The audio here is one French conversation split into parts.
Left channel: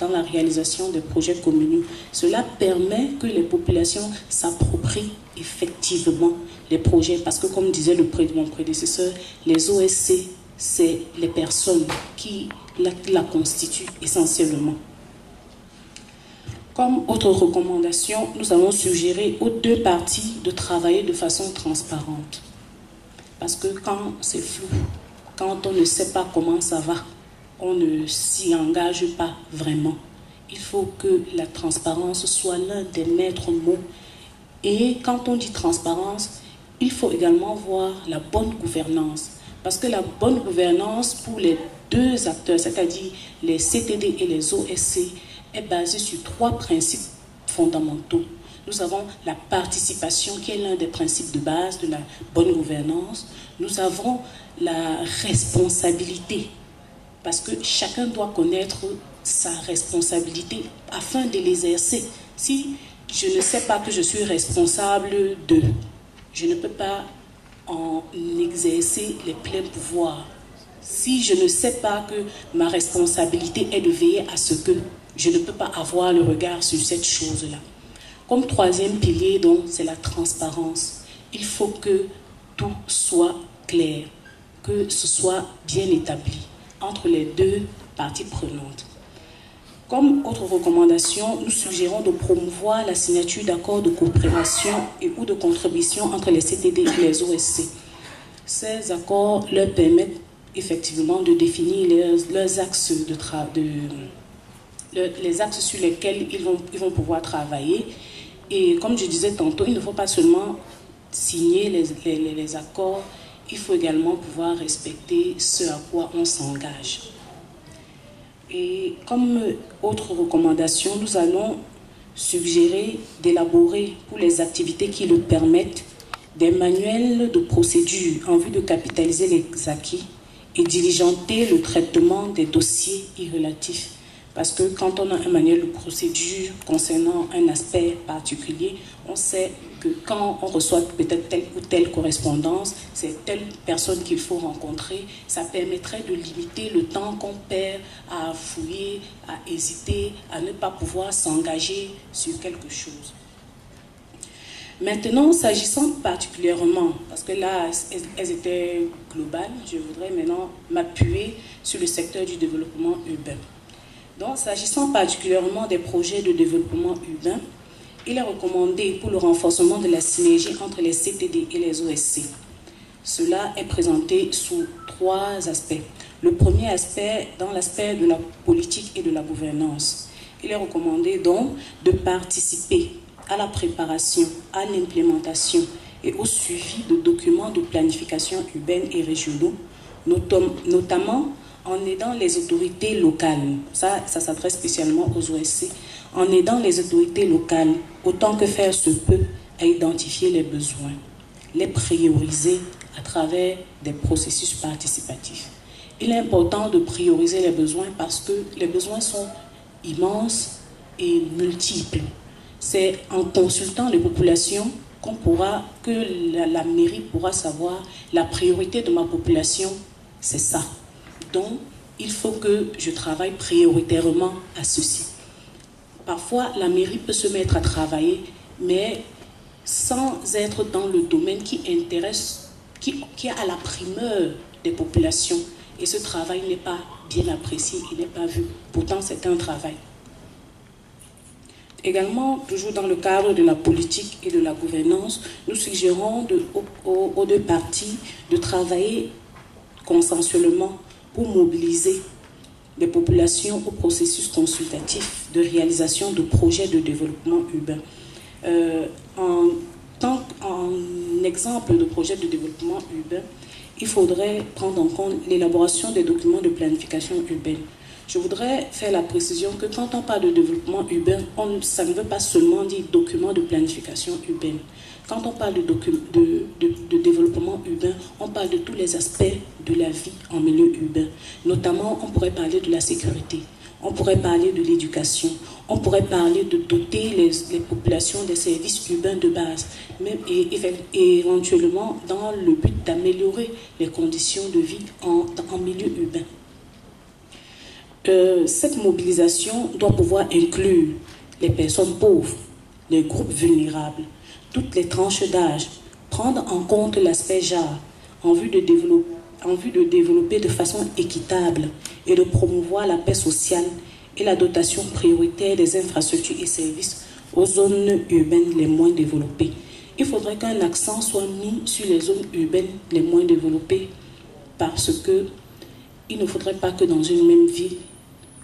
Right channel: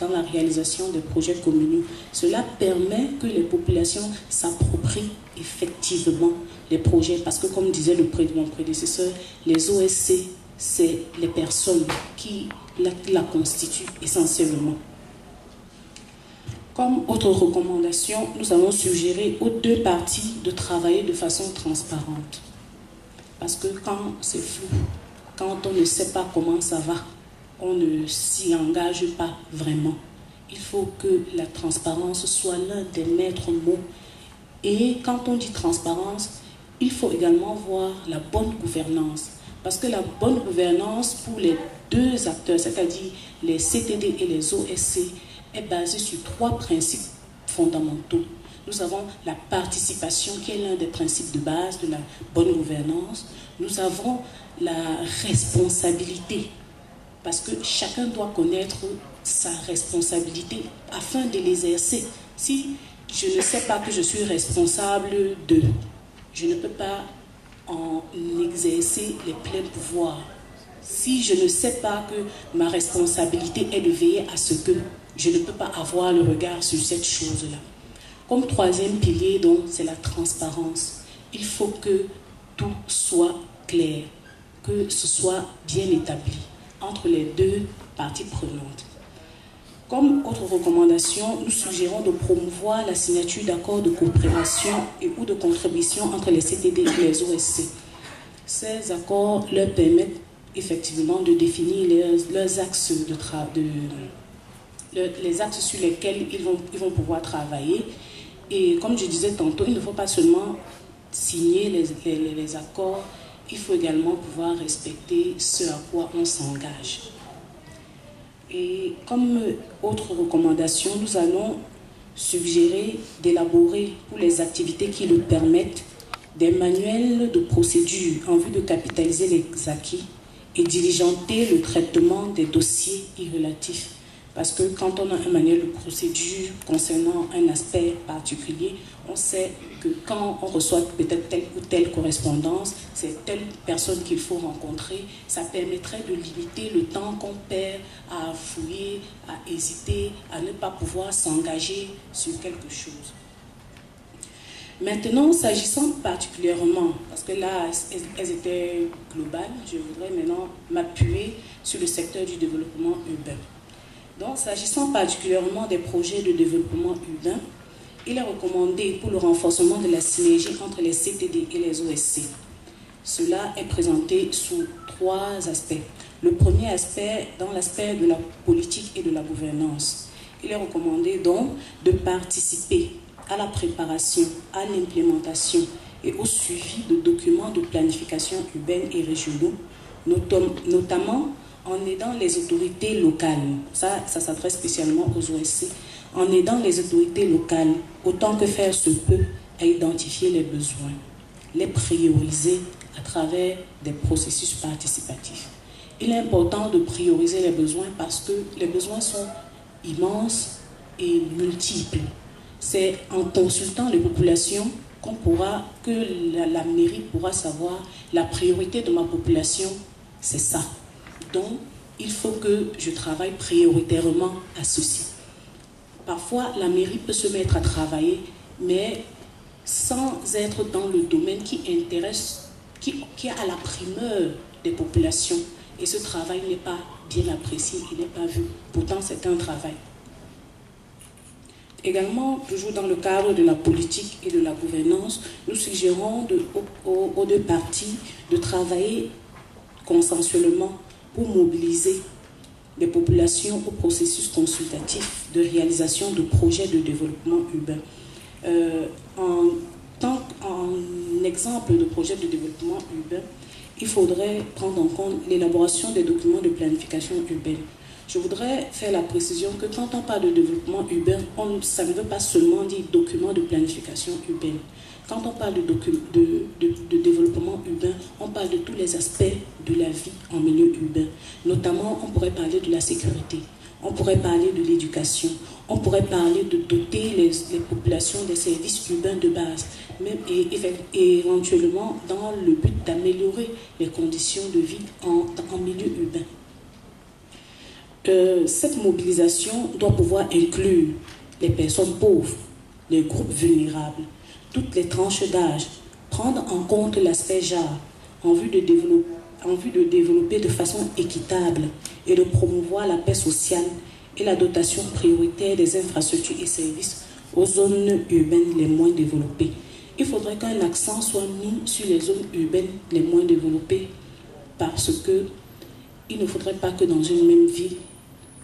dans la réalisation des projets communaux. Cela permet que les populations s'approprient effectivement les projets, parce que comme disait mon prédécesseur, les OSC, c'est les personnes qui la constituent essentiellement. Comme autre recommandation, nous avons suggéré aux deux parties de travailler de façon transparente. Parce que quand c'est flou, quand on ne sait pas comment ça va, on ne s'y engage pas vraiment. Il faut que la transparence soit l'un des maîtres mots. Et quand on dit transparence, il faut également voir la bonne gouvernance. Parce que la bonne gouvernance pour les deux acteurs, c'est-à-dire les CTD et les OSC, est basée sur trois principes fondamentaux. Nous avons la participation qui est l'un des principes de base de la bonne gouvernance. Nous avons la responsabilité, parce que chacun doit connaître sa responsabilité afin de l'exercer. Si je ne sais pas que je suis responsable de, je ne peux pas en exercer les pleins pouvoirs. Si je ne sais pas que ma responsabilité est de veiller à ce que, je ne peux pas avoir le regard sur cette chose-là. Comme troisième pilier, donc, c'est la transparence. Il faut que tout soit clair, que ce soit bien établi entre les deux parties prenantes. Comme autre recommandation, nous suggérons de promouvoir la signature d'accords de coopération et ou de contribution entre les CTD et les OSC. Ces accords leur permettent effectivement de définir leurs axes de travail, les axes sur lesquels ils vont pouvoir travailler. Et comme je disais tantôt, il ne faut pas seulement signer les accords, il faut également pouvoir respecter ce à quoi on s'engage. Et comme autre recommandation, nous allons suggérer d'élaborer pour les activités qui le permettent des manuels de procédure en vue de capitaliser les acquis et diligenter le traitement des dossiers irrelatifs. Parce que quand on a un manuel de procédure concernant un aspect particulier, on sait que quand on reçoit peut-être telle ou telle correspondance, c'est telle personne qu'il faut rencontrer. Ça permettrait de limiter le temps qu'on perd à fouiller, à hésiter, à ne pas pouvoir s'engager sur quelque chose. Maintenant, s'agissant particulièrement, parce que là, elles étaient globales, je voudrais maintenant m'appuyer sur le secteur du développement urbain. Donc, s'agissant particulièrement des projets de développement urbain, il est recommandé pour le renforcement de la synergie entre les CTD et les OSC. Cela est présenté sous trois aspects. Le premier aspect, dans l'aspect de la politique et de la gouvernance. Il est recommandé donc de participer à la préparation, à l'implémentation et au suivi de documents de planification urbaine et régionaux, notamment en aidant les autorités locales, ça s'adresse spécialement aux OSC, en aidant les autorités locales, autant que faire se peut, à identifier les besoins, les prioriser à travers des processus participatifs. Il est important de prioriser les besoins parce que les besoins sont immenses et multiples. C'est en consultant les populations que la mairie pourra savoir la priorité de ma population, c'est ça. Donc, il faut que je travaille prioritairement à ceci. Parfois, la mairie peut se mettre à travailler, mais sans être dans le domaine qui intéresse, qui a la primeur des populations. Et ce travail n'est pas bien apprécié, il n'est pas vu. Pourtant, c'est un travail. Également, toujours dans le cadre de la politique et de la gouvernance, nous suggérons aux deux parties de travailler consensuellement pour mobiliser les populations au processus consultatif de réalisation de projets de développement urbain. En exemple de projet de développement urbain, il faudrait prendre en compte l'élaboration des documents de planification urbaine. Je voudrais faire la précision que quand on parle de développement urbain, ça ne veut pas seulement dire document de planification urbaine. Quand on parle de développement urbain, on parle de tous les aspects de la vie en milieu urbain. Notamment, on pourrait parler de la sécurité, on pourrait parler de l'éducation, on pourrait parler de doter les populations des services urbains de base, même et éventuellement dans le but d'améliorer les conditions de vie en milieu urbain. Cette mobilisation doit pouvoir inclure les personnes pauvres, les groupes vulnérables, toutes les tranches d'âge, prendre en compte l'aspect genre en vue de développer de façon équitable et de promouvoir la paix sociale et la dotation prioritaire des infrastructures et services aux zones urbaines les moins développées. Il faudrait qu'un accent soit mis sur les zones urbaines les moins développées parce que il ne faudrait pas que dans une même ville,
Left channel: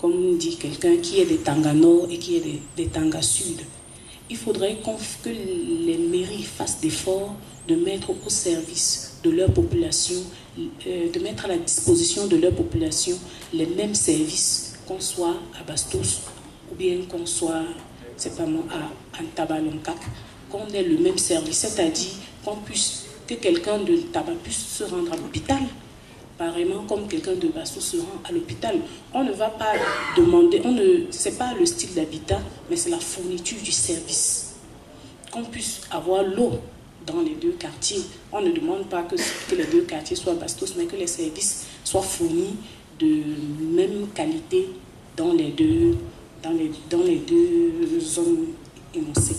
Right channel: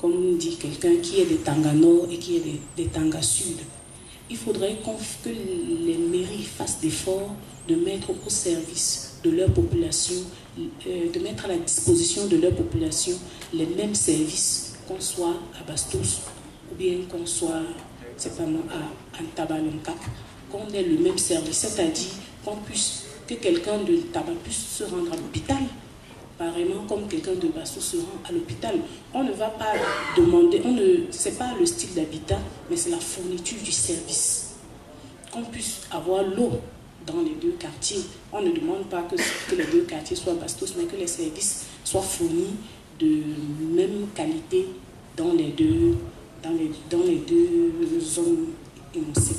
comme dit quelqu'un, qu'il y ait des Tanga Nord et qu'il y ait des Tanga Sud. Il faudrait que les mairies fassent d'efforts de mettre au service de leur population, de mettre à la disposition de leur population les mêmes services, qu'on soit à Bastos ou bien qu'on soit, c'est pas moi, à Antabalonka, qu'on ait le même service, c'est-à-dire que quelqu'un de Taba puisse se rendre à l'hôpital, pareillement comme quelqu'un de Bastos se rend à l'hôpital. On ne va pas demander, c'est pas le style d'habitat, mais c'est la fourniture du service. Qu'on puisse avoir l'eau dans les deux quartiers. On ne demande pas que les deux quartiers soient Bastos, mais que les services soient fournis de même qualité dans les deux zones énoncées.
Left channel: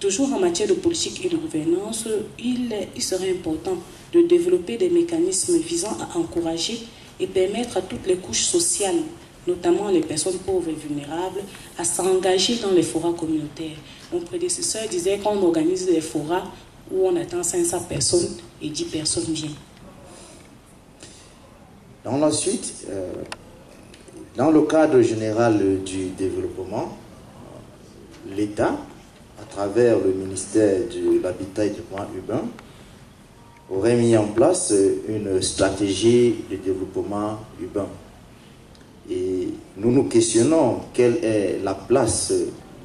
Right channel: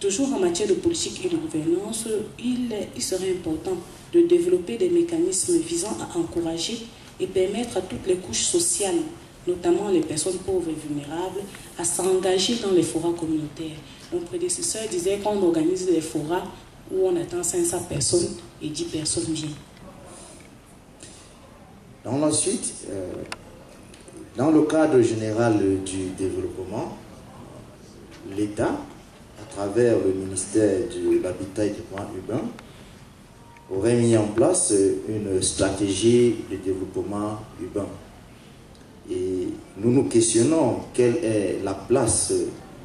Toujours en matière de politique et de gouvernance, il serait important de développer des mécanismes visant à encourager et permettre à toutes les couches sociales, notamment les personnes pauvres et vulnérables, à s'engager dans les forats communautaires. Mon prédécesseur disait qu'on organise des forats où on attend 500 personnes et 10 personnes viennent. Dans la suite, dans le cadre général du développement, l'État, à travers le ministère de l'Habitat et du Développement urbain, aurait mis en place une stratégie de développement urbain. Et nous nous questionnons quelle est la place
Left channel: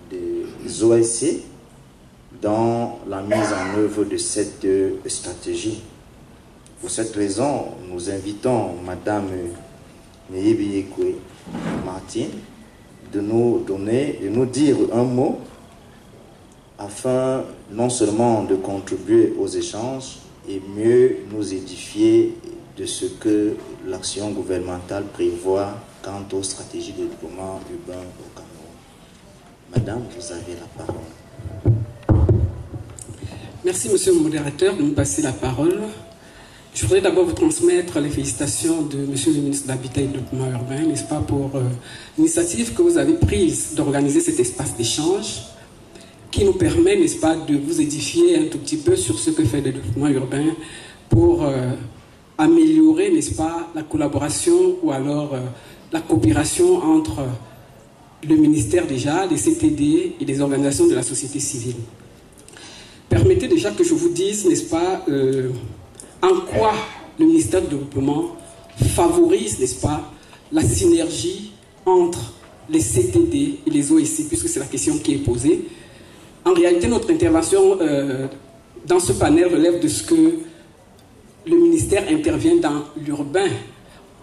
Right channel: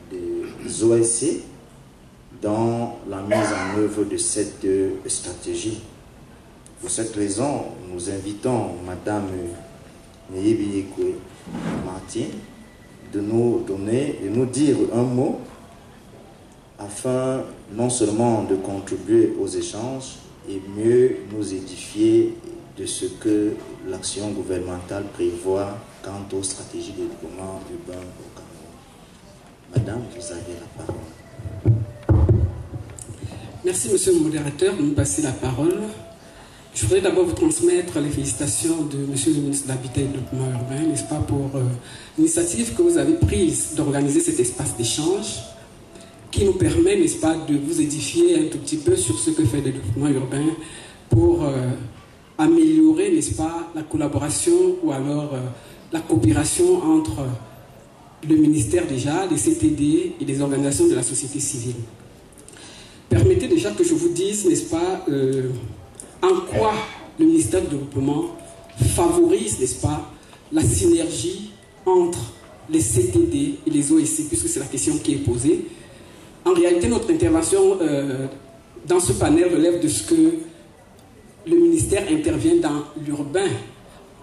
des OSC dans la mise en œuvre de cette stratégie. Pour cette raison, nous invitons Madame Neyebiyekwe Martine de nous dire un mot afin non seulement de contribuer aux échanges et mieux nous édifier de ce que l'action gouvernementale prévoit quant aux stratégies de développement urbain au Cameroun. Madame, vous avez la parole. Merci, monsieur le modérateur, de me passer la parole. Je voudrais d'abord vous transmettre les félicitations de monsieur le ministre de l'Habitat et du Développement urbain, n'est-ce pas, pour l'initiative que vous avez prise d'organiser cet espace d'échange qui nous permet, n'est-ce pas, de vous édifier un tout petit peu sur ce que fait le développement urbain pour améliorer, n'est-ce pas, la collaboration ou alors la coopération entre le ministère déjà, les CTD et les organisations de la société civile. Permettez déjà que je vous dise, n'est-ce pas, en quoi le ministère du Développement favorise, n'est-ce pas, la synergie entre les CTD et les OSC, puisque c'est la question qui est posée. En réalité, notre intervention dans ce panel relève de ce que le ministère intervient dans l'urbain.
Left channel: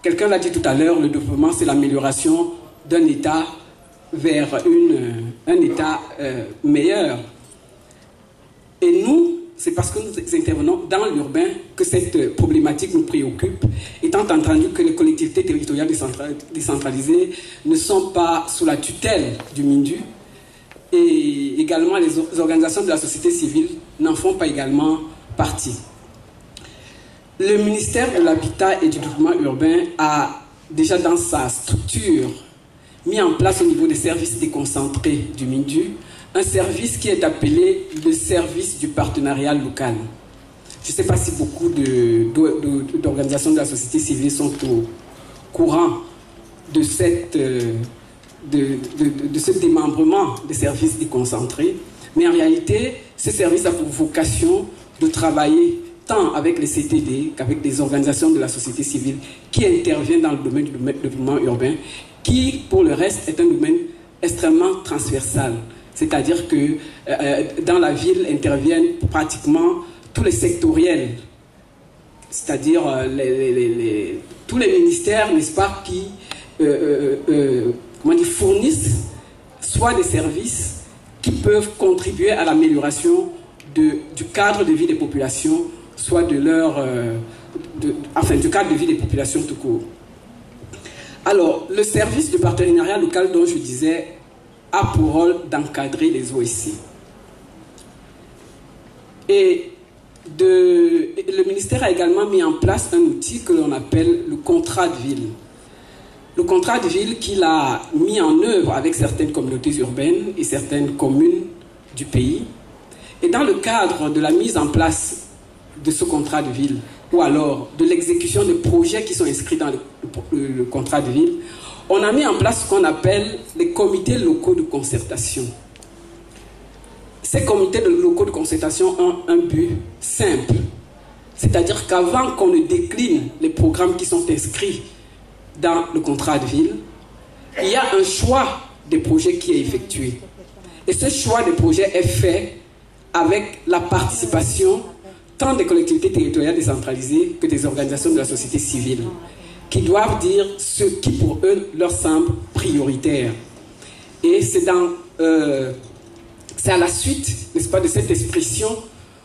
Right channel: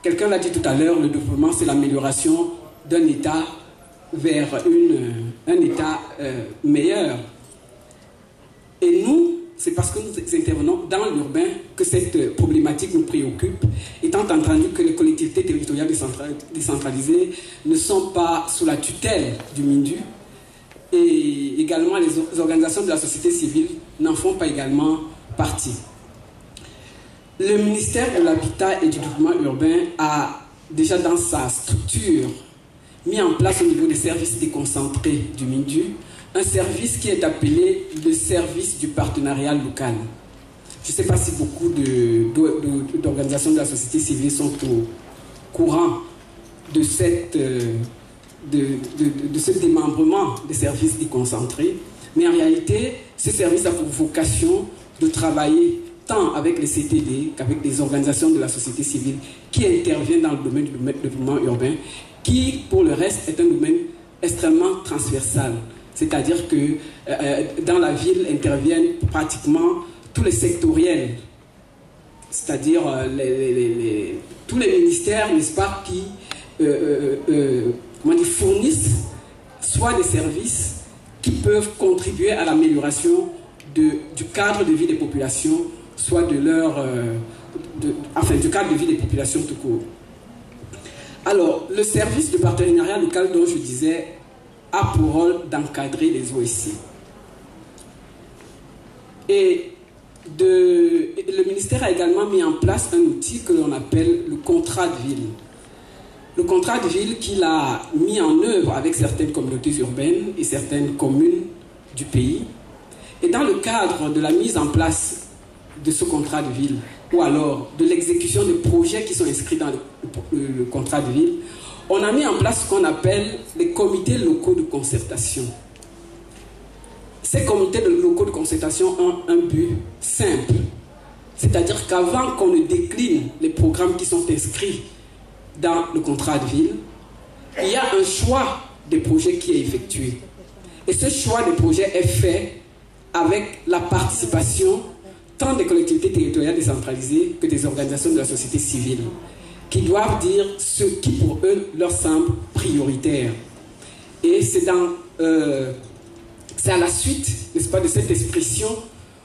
Quelqu'un l'a dit tout à l'heure, le développement, c'est l'amélioration d'un État vers un État meilleur. Et nous, c'est parce que nous intervenons dans l'urbain que cette problématique nous préoccupe, étant entendu que les collectivités territoriales décentralisées ne sont pas sous la tutelle du MINDU, et également les organisations de la société civile n'en font pas également partie. Le ministère de l'Habitat et du Développement urbain a déjà dans sa structure mis en place au niveau des services déconcentrés du MINDU un service qui est appelé le service du partenariat local. Je ne sais pas si beaucoup d'organisations de la société civile sont au courant de ce démembrement des services déconcentrés, mais en réalité, ce service a pour vocation de travailler tant avec les CTD qu'avec les organisations de la société civile qui interviennent dans le domaine du développement urbain, qui, pour le reste, est un domaine extrêmement transversal. C'est-à-dire que dans la ville interviennent pratiquement tous les sectoriels, c'est-à-dire tous les ministères, n'est-ce pas, qui fournissent soit des services qui peuvent contribuer à l'amélioration du cadre de vie des populations, soit du cadre de vie des populations tout court. Alors, le service de partenariat local dont je disais a pour rôle d'encadrer les OSC. Et le ministère a également mis en place un outil que l'on appelle le contrat de ville. Le contrat de ville qu'il a mis en œuvre avec certaines communautés urbaines et certaines communes du pays. Et dans le cadre de la mise en place de ce contrat de ville, ou alors de l'exécution des projets qui sont inscrits dans le contrat de ville, on a mis en place ce qu'on appelle les comités locaux de concertation. Ces comités locaux de concertation ont un but simple, c'est-à-dire qu'avant qu'on ne décline les programmes qui sont inscrits dans le contrat de ville, il y a un choix des projets qui est effectué. Et ce choix des projets est fait avec la participation tant des collectivités territoriales décentralisées que des organisations de la société civile, qui doivent dire ce qui pour eux leur semble prioritaire. Et c'est à la suite, n'est-ce pas, de cette expression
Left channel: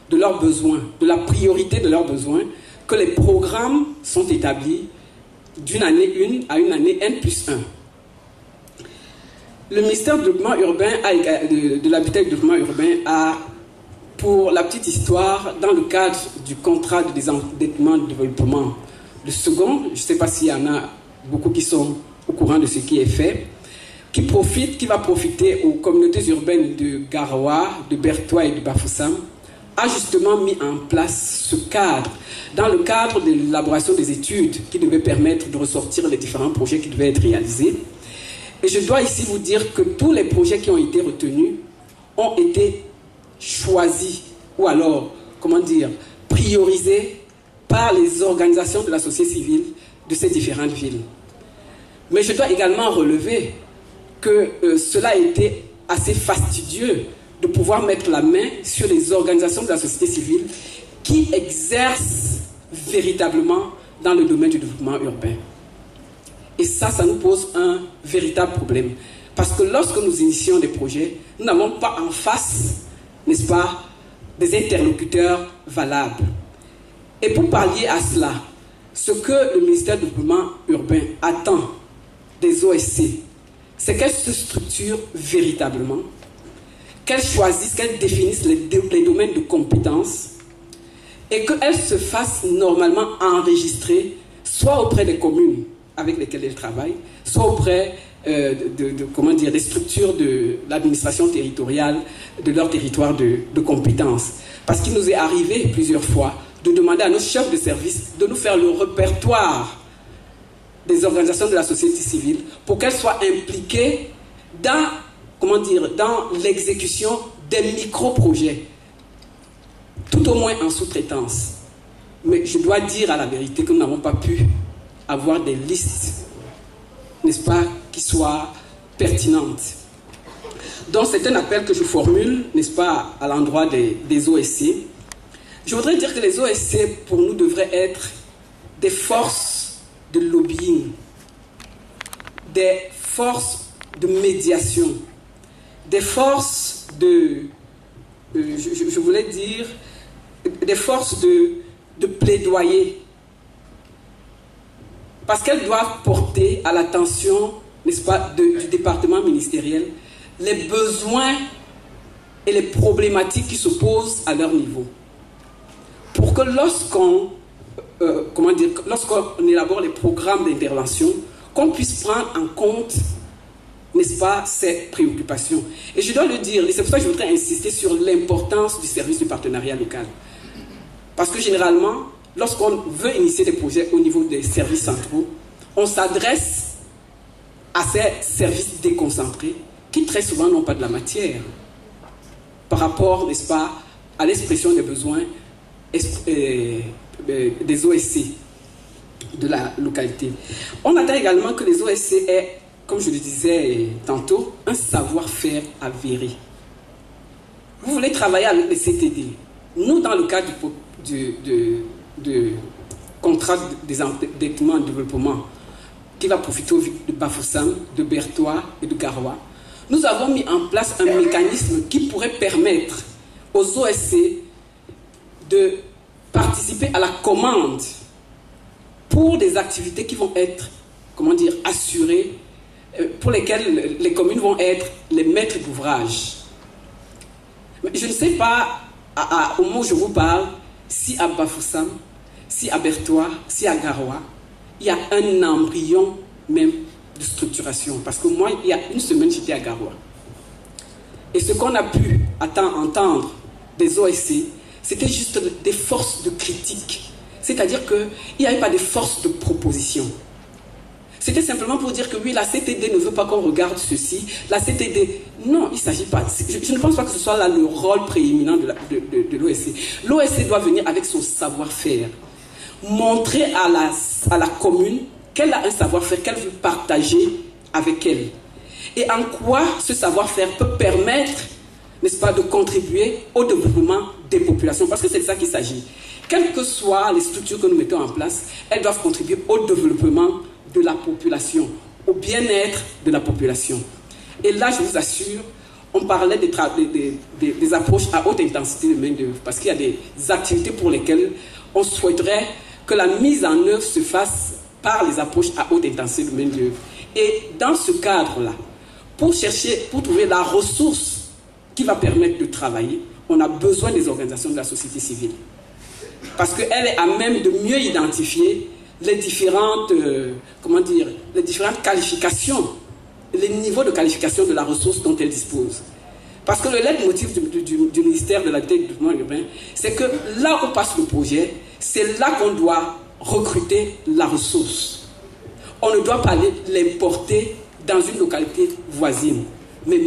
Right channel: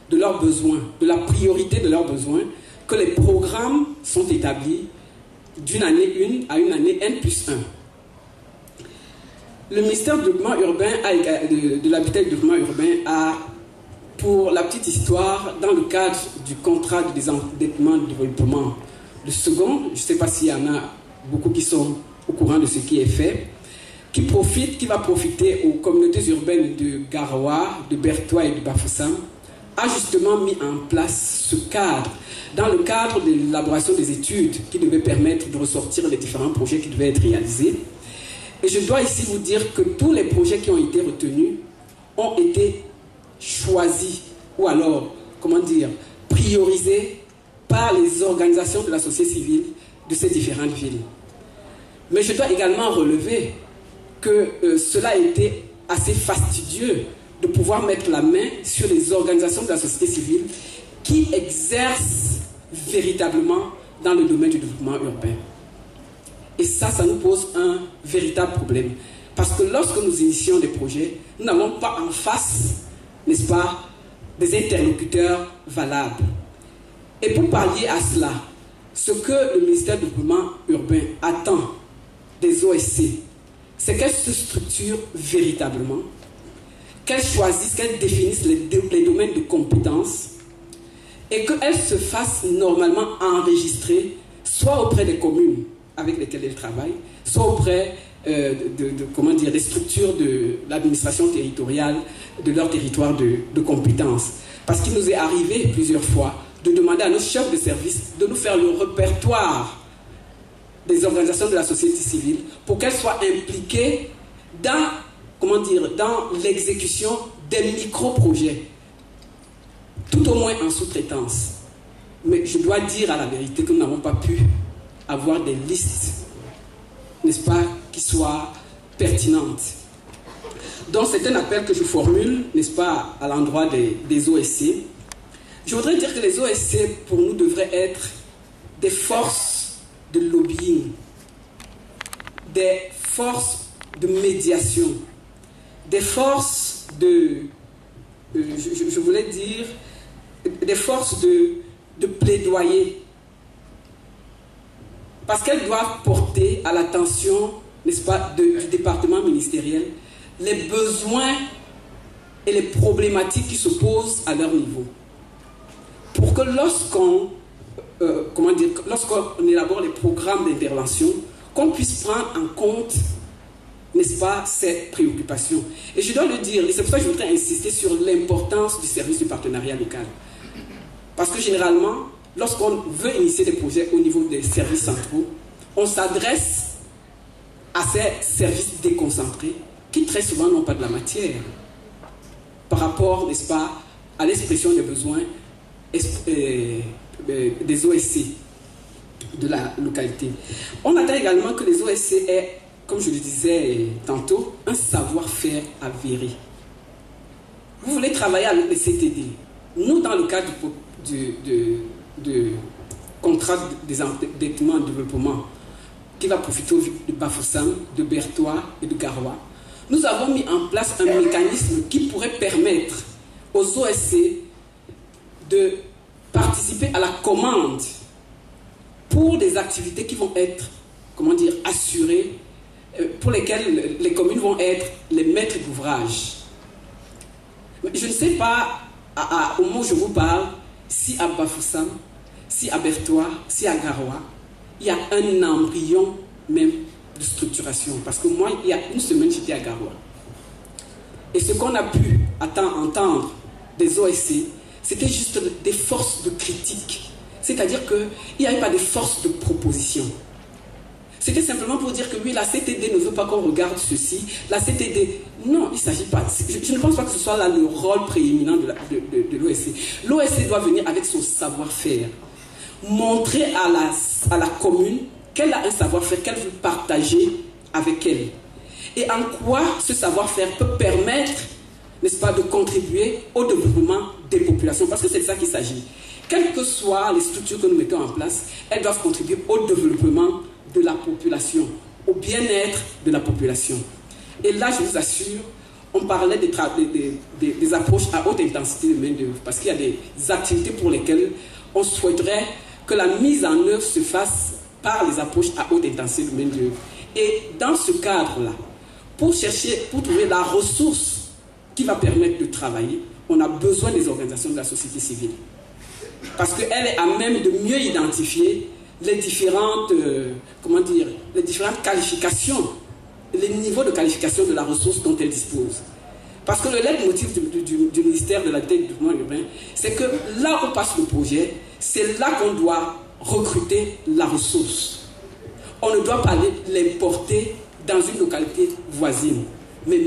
de leurs besoins, de la priorité de leurs besoins, que les programmes sont établis d'une année 1 à une année N+1. Le ministère du développement urbain, de l'habitat et du développement urbain, a, pour la petite histoire, dans le cadre du contrat de désendettement de développement, le second, je ne sais pas s'il y en a beaucoup qui sont au courant de ce qui est fait, qui va profiter aux communautés urbaines de Garoua, de Bertoua et de Bafoussam, a justement mis en place ce cadre, dans le cadre de l'élaboration des études qui devaient permettre de ressortir les différents projets qui devaient être réalisés. Et je dois ici vous dire que tous les projets qui ont été retenus ont été choisis, ou alors, comment dire, priorisés par les organisations de la société civile de ces différentes villes. Mais je dois également relever que cela a été assez fastidieux de pouvoir mettre la main sur les organisations de la société civile qui exercent véritablement dans le domaine du développement urbain. Et ça nous pose un véritable problème. Parce que lorsque nous initions des projets, nous n'avons pas en face, n'est-ce pas, des interlocuteurs valables. Et pour pallier à cela, ce que le ministère du développement urbain attend des OSC, c'est qu'elles se structurent véritablement, qu'elles choisissent, qu'elles définissent les domaines de compétences et qu'elles se fassent normalement enregistrer soit auprès des communes avec lesquelles elles travaillent, soit auprès des structures de l'administration territoriale de leur territoire de compétences. Parce qu'il nous est arrivé plusieurs fois de demander à nos chefs de service de nous faire le répertoire des organisations de la société civile pour qu'elles soient impliquées dans l'exécution des micro-projets, tout au moins en sous-traitance. Mais je dois dire à la vérité que nous n'avons pas pu avoir des listes, n'est-ce pas, qui soient pertinentes. Donc c'est un appel que je formule, n'est-ce pas, à l'endroit des OSC. Je voudrais dire que les OSC, pour nous, devraient être des forces de lobbying, des forces de médiation, des forces je voulais dire, des forces de plaidoyer. Parce qu'elles doivent porter à l'attention, n'est-ce pas, du département ministériel, les besoins et les problématiques qui se posent à leur niveau. Pour que lorsqu'on élabore les programmes d'intervention, qu'on puisse prendre en compte, n'est-ce pas, ces préoccupations. Et je dois le dire, et c'est pour ça que je voudrais insister sur l'importance du service du partenariat local. Parce que généralement, lorsqu'on veut initier des projets au niveau des services centraux, on s'adresse à ces services déconcentrés qui très souvent n'ont pas de la matière par rapport, n'est-ce pas, à l'expression des besoins des OSC de la localité. On attend également que les OSC aient, comme je le disais tantôt, un savoir-faire avéré. Vous voulez travailler avec les CTD. Nous, dans le cadre de contrat des endettements en développement qui va profiter de Bafoussam, de Bertoua et de Garoua, nous avons mis en place un mécanisme qui pourrait permettre aux OSC de participer à la commande pour des activités qui vont être, comment dire, assurés, pour lesquels les communes vont être les maîtres d'ouvrage. Je ne sais pas, au moment où je vous parle, si à Bafoussam, si à Bertois, si à Garoua, il y a un embryon même de structuration. Parce que moi, il y a une semaine, j'étais à Garoua. Et ce qu'on a pu entendre des OSC, c'était juste des forces de critique. C'est-à-dire qu'il n'y avait pas de forces de proposition. C'était simplement pour dire que oui, la CTD ne veut pas qu'on regarde ceci. La CTD, non, il ne s'agit pas. Je ne pense pas que ce soit là le rôle prééminent de l'OSC. L'OSC doit venir avec son savoir-faire. Montrer à la commune qu'elle a un savoir-faire qu'elle veut partager avec elle. Et en quoi ce savoir-faire peut permettre, n'est-ce pas, de contribuer au développement des populations. Parce que c'est de ça qu'il s'agit. Quelles que soient les structures que nous mettons en place, elles doivent contribuer au développement de la population, au bien-être de la population. Et là, je vous assure, on parlait des approches à haute intensité de main-d'œuvre, parce qu'il y a des activités pour lesquelles on souhaiterait que la mise en œuvre se fasse par les approches à haute intensité de main-d'œuvre. Et dans ce cadre-là, pour trouver la ressource qui va permettre de travailler, on a besoin des organisations de la société civile. Parce qu'elle est à même de mieux identifier les différentes, les différentes qualifications, les niveaux de qualification de la ressource dont elle dispose. Parce que le leitmotiv du ministère de l'Habitat et du Développement urbain, c'est que là où passe le projet, c'est là qu'on doit recruter la ressource. On ne doit pas l'importer dans une localité voisine. Mais